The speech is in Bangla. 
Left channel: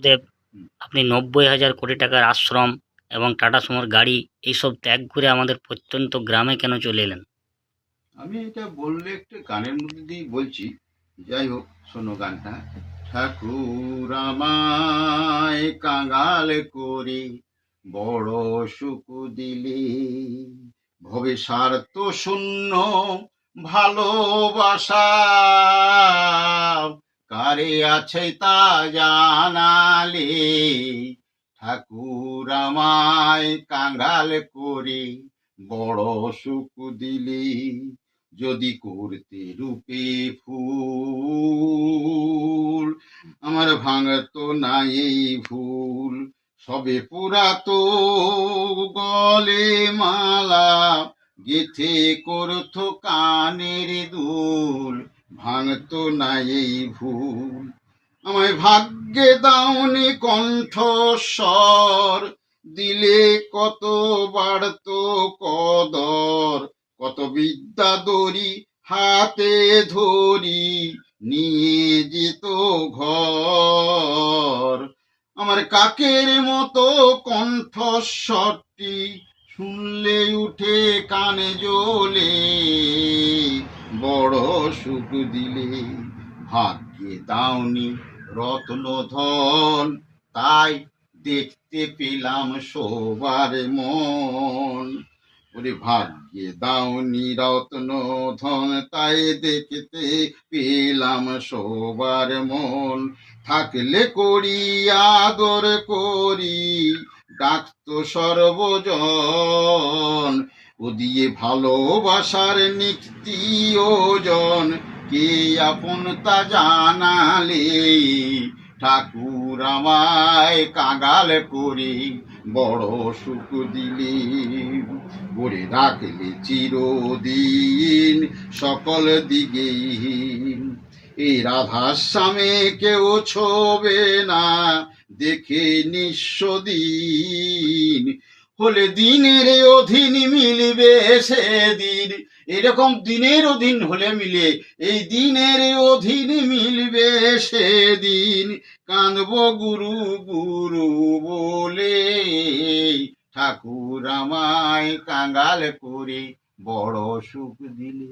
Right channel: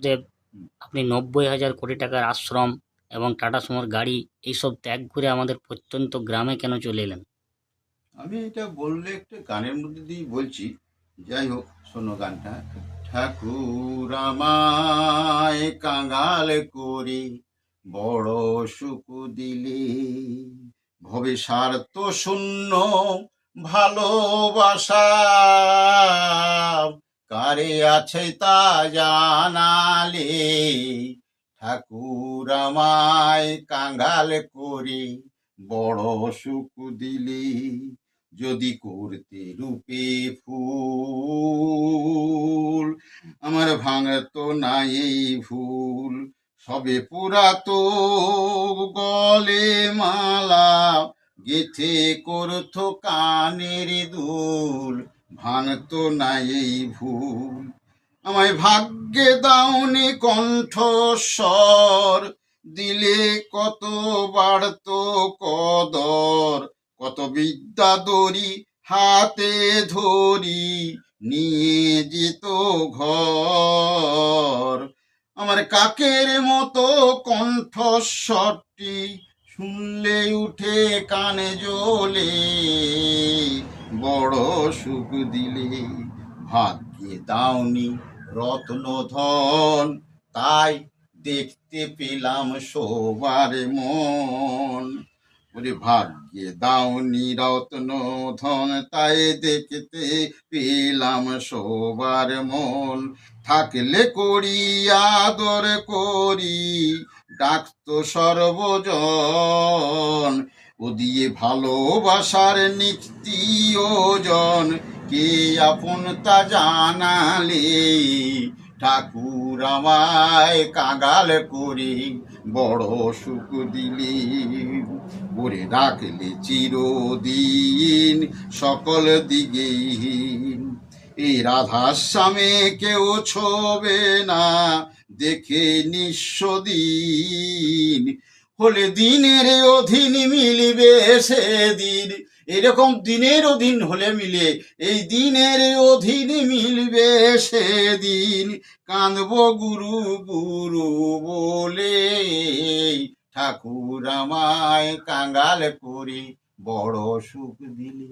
গুরুদেব, আপনি ৯০,০০০ কোটি টাকার আশ্রম এবং টাটা সুমোর গাড়ি এইসব ত্যাগ করে আমাদের প্রত্যন্ত গ্রামে কেন চলে এলেন? আমি এটা বললে একটু গানের মধ্যে দিয়েই বলছি। যাই হোক, শোনো গানটা। ঠাকুর আমায় কাঙাল করে বড় সুখ দিলে, ভবে স্বার্থ শূন্য ভালোবাসা কারে আছে তা জানালে। ঠাকুর আমায় কাঙাল করে বড় সুখ দিলে, যদি করতে রূপে ফুল আমার ভাঙতো না এই ভুল। সবে পুরাতো গলে মালা গেথে করতো কানের দুল, ভাঙতো না এই ভুল। আমায় ভাগ্যে দাওনি কণ্ঠস্বর, দিলে কত বাড়তো কদর। কত বিদ্যা দড়ি হাতে ধরি নিয়ে যেত ঘর। আমার কাকের মতো কণ্ঠস্বরটি শুনলে উঠে কানে জ্বলে, বড় সুখ দিলে। ভাগ্যে দাওনি রত্ন ধন, তাই দেখতে পেলাম সবার মন। ওরে ভাগ্যে দাওনি রত্ন ধন, তাই দেখতে পেলাম সবার মন। থাকলে করি আদর করি, ডাকতো সর্বজন। ও দিয়ে ভালোবাসার নিক্তি ওজন, কে আপন তা জানালে। ঠাকুর আমায় কাঙাল করে বড় সুখ দিলে, ভরে রাখলে চিরদিন সকল দিকেহীন। এই রাধাশ্যামে কেউ ছোবে না দেখে নিঃস্ব দিন, হলে দিনের অধীন মিলবে সেদিন। এরকম দিনের অধীন হলে মিলে, এই দিনের অধীন মিলবে সেদিন। কাঁদব গুরু গুরু বলে, ঠাকুর আমায় কাঙাল করে বড় সুখ দিলে।